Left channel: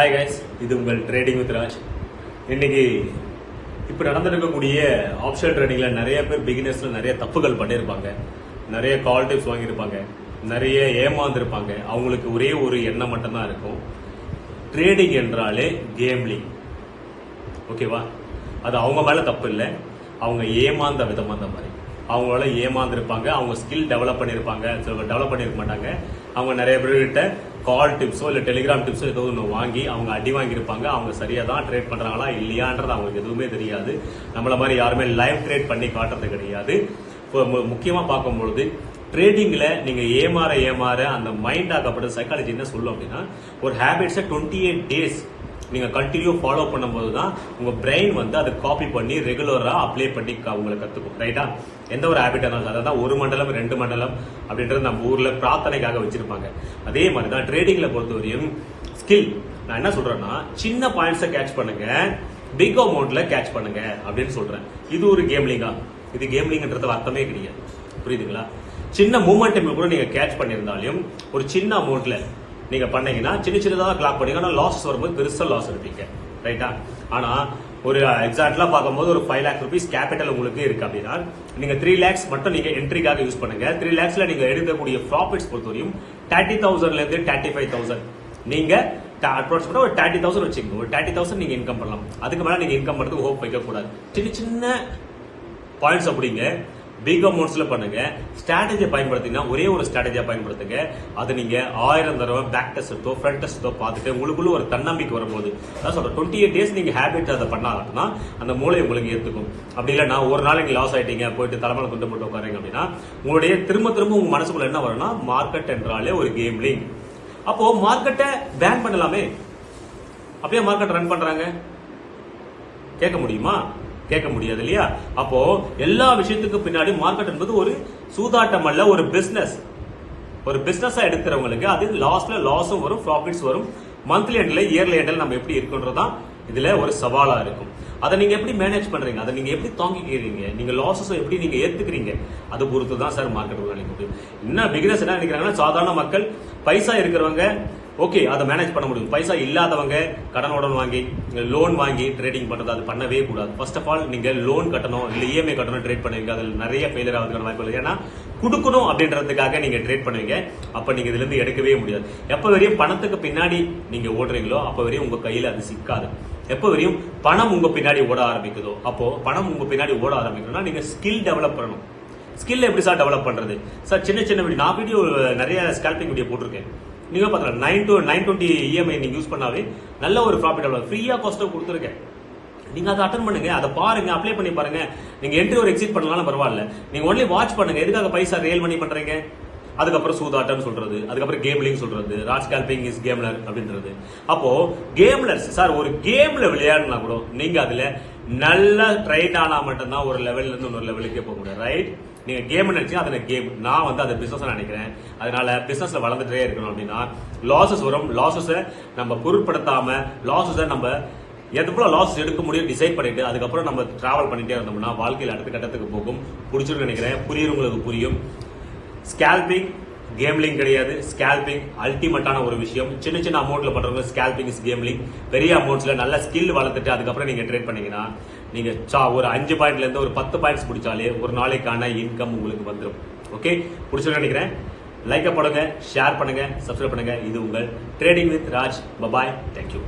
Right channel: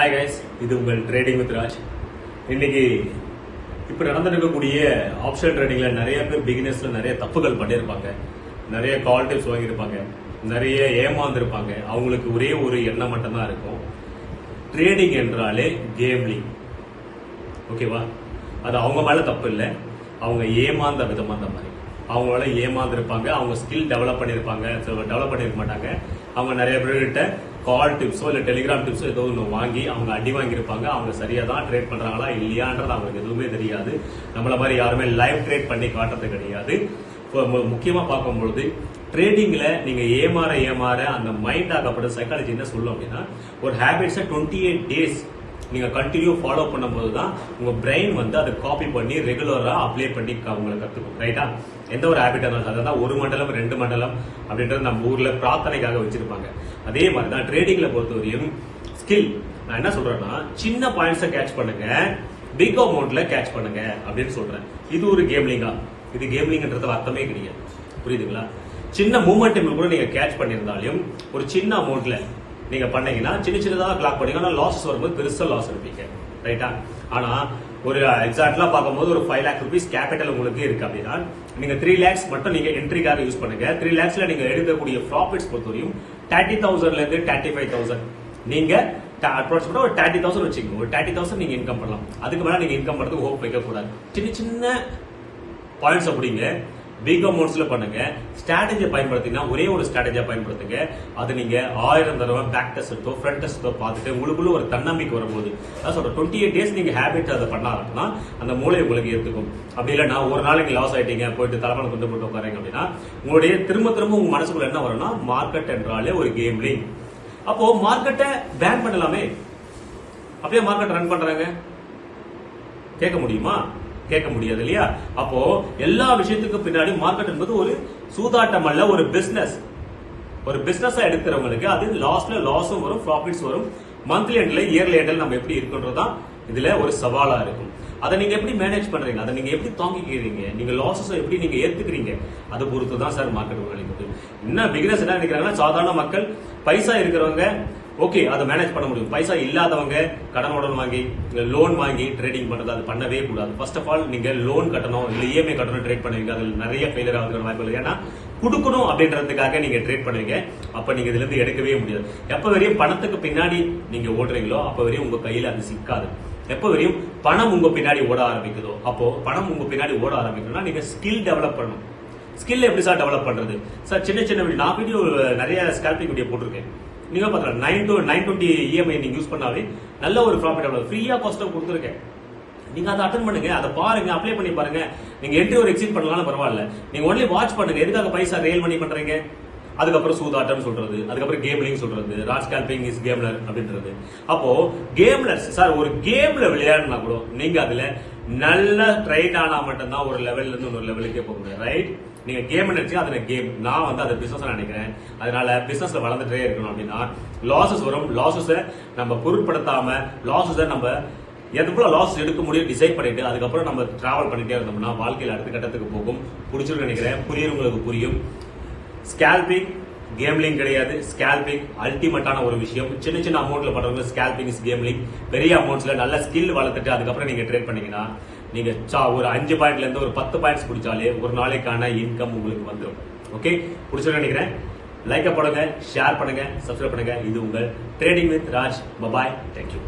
Hi guys, இது உங்கள் trading with Raj. இன்னைக்கு இப்போ நடந்திருக்கக்கூடிய ஆப்ஷன் ட்ரேடிங்ல நிறைய பேர் பிகினர்ஸ்ல நிறைய தப்புகள் பண்ணியிருப்பாங்க, நிறைய கால் டிப்ஸ் வாங்கியிருப்பாங்க, நிறைய ஏமாந்துருப்பாங்க. அவங்களுக்கு ஒரே ஒரு எண்ணம் மட்டும்தான் இருக்கும், ட்ரேடிங் என்றாலே கேம்லிங். ஓகேவா? அது அவங்க மேல தப்பு இல்லை, அவங்க ஏமாந்த விதமா அந்த மாதிரி அவங்களால ஏமாந்துருப்பாங்க. அவங்க ஸ்கில் டெவலப் பண்ணிருப்பாங்க, டெவலப் பண்ணிருக்க மாட்டாங்க. அவங்க நிறைய பேர்கிட்ட கால் டிப்ஸோ இல்ல டெலிகிராம் டிப்ஸோ ஏதோ ஒன்று வாங்கி அவங்க அடி வாங்கியிருப்பாங்க. அவங்க சரியா தான் ட்ரேட் பண்றாங்களா இல்லையான்றது அவங்களுக்கு எதுவுமே தெரியாது. நம்மள மாதிரி யாருமே லைவ் ட்ரேட் பண்ணி காட்டுறது கிடையாது. முக்கியமா பார்க்கும்பொழுது ட்ரேடிங்ல நீங்க ஏமாற அந்த மைண்ட் ஆகப்பட்ட சைக்காலஜி என்ன சொல்லும் அப்படின்னா, ஒரு ஹேபிட்ஸை 28 days நீங்க கண்டினியூ ஃபாலோ பண்ணும்போது தான் உங்க பிரெயின் வந்து அதை காப்பி பண்ணி ரெகுலரா அப்ளை பண்ணி உங்களை கத்துக்கும். ரைட்டா? எந்த ஒரு ஹேபிட் இருந்தாலும் அதான் 1 மண்டலம் 2 மண்டலம் அப்படின்றது நம்ம ஊர்ல பிரார்த்தனைக்காக வச்சிருப்பாங்க. அதே மாதிரி தான் ட்ரேடிங்ல பொறுத்தவரையும் ஸ்கில். நான் என்ன சொல்றேன்னா, சின்ன பாயிண்ட்ஸை கேட்ச் பண்ணுங்க, பிக் அமௌண்ட்ல கேட்ச் பண்ணுங்க அப்படின்னு சொல்றேன். இது ஒரு கேம்லிங்கா? இது கேம்லிங்ன்றது அர்த்தமே கிடையாது. புரியுதுங்களா? சின்ன மூவ்மெண்ட் கூட நீங்க கேட்ச் பண்ணியிருந்தாலும் ஒரு சின்ன அமௌண்ட்ல நீங்க பண்ணீங்கன்னா சின்னதாக கிளாக் பண்ணீங்கன்னா லாஸ் வரும்போது பெருசா லாஸ் எடுப்பீங்க. ரைட்டா? ஆனா ஒரு எக்ஸாக்ட்லா பார்க்கும்போது ஒரு 5 lakh rupees கேபிட்டல் உங்களுக்கு இருக்கு அப்படின்னா நீங்க 3 lakhs மட்டும் நீங்க என்ட்ரிக்காக யூஸ் பண்ணுங்க. 3 lakhsல நீங்க எடுக்கக்கூடிய ப்ராஃபிட்ஸ் பொறுத்தவரையும் 30,000ல இருந்து 35,000 நீங்க அப்ராக்சிமேட்டா ஒரு 30,000 வச்சுக்கோங்க. ஒரு 30,000 நீங்க இன்கம் பண்ணலாம். அதுக்கு மேல நீங்க இன்கம் பண்றதுக்கு ஹோப் வைக்க கூடாது. சின்ன சின்ன பாயிண்ட்ஸ் அப்படிங்க பிக் அமௌண்ட்ஸ்ல பண்ணுங்க. ஸ்ட்ராட்டஜியை பயன்படுத்தினா ஒரே ஒரு ஸ்ட்ராட்டஜியா பயன்படுத்துங்க. அது நீங்க 1000 தடவை பேக் டெஸ்டோ ஃப்ரண்ட் டெஸ்டோ பார்த்துட்டு உங்களுக்குள்ள ஒரு தன்னம்பிக்கை வரும்போது, அதான் சொல்றேன், 28 days நீங்க ஹேபிட் அதை பண்ணாங்கன்னா அந்த மூளை உங்களுக்கு ஏத்துக்கும். அப்படி இல்லைன்னா ஒரு நாள் நீங்க லாஸ் ஆயிட்டீங்க, போயிட்டு தலைமையில கொண்டு போட்டு உட்காரீங்க அப்படின்னா உங்களுடைய திரும்ப உங்க மனசுக்குள்ள என்ன வரும்னா, மார்க்கெட் என்றாலே ஒரு கேம்லிங். அப்போ மார்க்கெட்டை பேன் பண்ணலாமே. அப்படியே மார்க்கெட் ரன் பண்றாங்க, கேட்க முடியுமா? கேட்க முடியாது இல்லையா? அப்போ எல்லா விஷயத்துக்கு பின்னாடி மார்க்கெட் என்பது ஒரு சூதாட்டம் அல்ல, ஒரு பிசினஸ். ஒரு பிசினஸா எடுக்கிறவங்களுக்கு அது லாஸ்ட்ல லாஸும் வரும், ப்ராஃபிட்ஸ் வரும். மந்த்லி எண்ட்ல இயர்லி எண்ட்ல நம்ம எப்படி இருக்குன்றதுதான் இதுல ஒரு சவாலா இருக்கும். அதை நீங்க எப்படி மேனேஜ் பண்றீங்க, அதை நீங்க எப்படி தாங்கிக்கிறீங்க, நீங்க லாஸஸ் எப்படி நீங்க ஏத்துக்கிறீங்க, அது பொறுத்து தான் சார் மார்க்கெட் நினைக்குது. என்ன பிகினர்ஸ் என்ன நினைக்கிறாங்கன்னா, சாதாரண மக்கள் பைசா இருக்கிறவங்க ஓகே அதை மேனேஜ் பண்ண முடியும். பைசா இல்லாதவங்க கடனுடன் வாங்கி லோன் வாங்கி ட்ரேடிங் பண்றது அது பண்ணவே கூடாது. ஃபர்ஸ்ட் ஆஃப் ஆல் நீங்க லோன் கட்டணும், இல்ல இஎம்ஐ கட்டணும் ட்ரேட் பண்ணுவீங்க, அதில் நிறைய ஃபெயிலியர் ஆகுதுன்னு வாய்ப்பு இல்லை. ஏன்னா கொடுக்கணும் அப்படின்றதுக்காக நீங்க ட்ரேட் பண்ணுவீங்க, அப்ப நீங்க இதுல இருந்து எடுக்கவே முடியாது. எப்ப வரையும் பணத்துக்கு பின்னாடி நீங்க ஓடுறீங்களோ அப்ப வரையும் உங்க கையில அது சிக்காது. எப்ப வரையும் பணம் உங்க பின்னாடி ஓட ஆரம்பிக்குதோ, அப்போ பணம் உங்க பின்னாடி ஓட ஆரம்பிக்கணும்னா நீங்க ஸ்கில் டெவலப் பண்ணணும். ஸ்கில் எப்படி சார் டெவலப் பண்றது? சார் சின்ன நான் வீடியோ நிறைய ஸ்கேல்பிங் வீடியோ போட்டிருக்கேன். நீங்க பாத்தீங்கன்னா 920 EMI நீங்க யூஸ் பண்ணாவே நல்ல ஒரு ப்ராஃபிட் ஃப்ரீயா காஸ்ட்ல கொடுத்துருக்கேன். நீங்க அதை அட்டன் பண்ணுங்க, அதை பாருங்க, அப்ளை பண்ணி பாருங்க. நீங்க என்ட்ரி ஒரு எக்ஸிட் பண்ணலாம் பரவாயில்ல, நீங்க ஒன்லி வாட்ச் பண்ணுங்க. எதுக்காக பைசா ரியல் மணி பண்றீங்க? அதுக்கப்புறம் சூதாட்டம் சொல்றது, அதுக்கப்புறம் கேம்லிங் சொல்றது, ராஜ் ஸ்கேல்பிங் இஸ் கேம்லர் அப்படின்றது. அப்போ கேம்லர் சார் ஒரு கேம்ல விளையாடுனா கூட நீங்க அதுல நல்ல ட்ரைட் ஆனா மட்டும்தான் ஒரு லெவல்ல இருந்து ஒரு லெவலுக்கே போக முடியும். ரைட்? நீங்க கேம் நினைச்சு அதுல கேம், நான் வந்து அதை பிசினஸ் நினைக்கிறேன். அதனால பிசினஸ்ல வளர்ந்துட்டே இருக்கணும் அப்படின்னா லாசஸ் வரும். லாசஸ நம்ம பொருட்படுத்தாம லாசஸ நம்ம எவ்வளவு லாஸ் எடுக்க முடியும் டிசைட் பண்ணிட்டு அதுக்கப்புறம் நம்ம டிராவல் பண்ணிட்டே இருந்தோம்னா வாழ்க்கையில் அடுத்த கட்டத்துக்கு போகும். புடிச்சிருன்னு நினைக்கிறேன். உங்களுக்கு புரியும். ஸ்கேல்பிங் கேம்லிங் கிடையாது. ஸ்கேல்பிங் அல்டிமேட்டான ஒரு விஷயம். சின்ன அமௌண்ட்ல பண்றவங்க ஸ்கேல்பிங் இஸ் கேம்லிங். பெரிய அமௌண்ட்ஸ்ல நல்ல ஸ்கில் வளர்த்துட்டு அதுக்கப்புறம் நீங்க ட்ரேட் பண்ணீங்கன்னா நீங்க ஒரு 5 பாயிண்ட்ல இருந்து ஒரு 10 பாயிண்ட்ஸ் பிடிச்சாலே ஒரு நாளைக்கான இன்கம் உங்களுக்கு வந்துடும். ஓகே? பிடிச்சிருன்னு நினைக்கிறேன். லைக் பண்ணுங்க, ஷேர் பண்ணுங்க, சப்ஸ்கிரைப் பண்ணுங்க. இது உங்கள் trading with Raj. Bye bye. Thank you.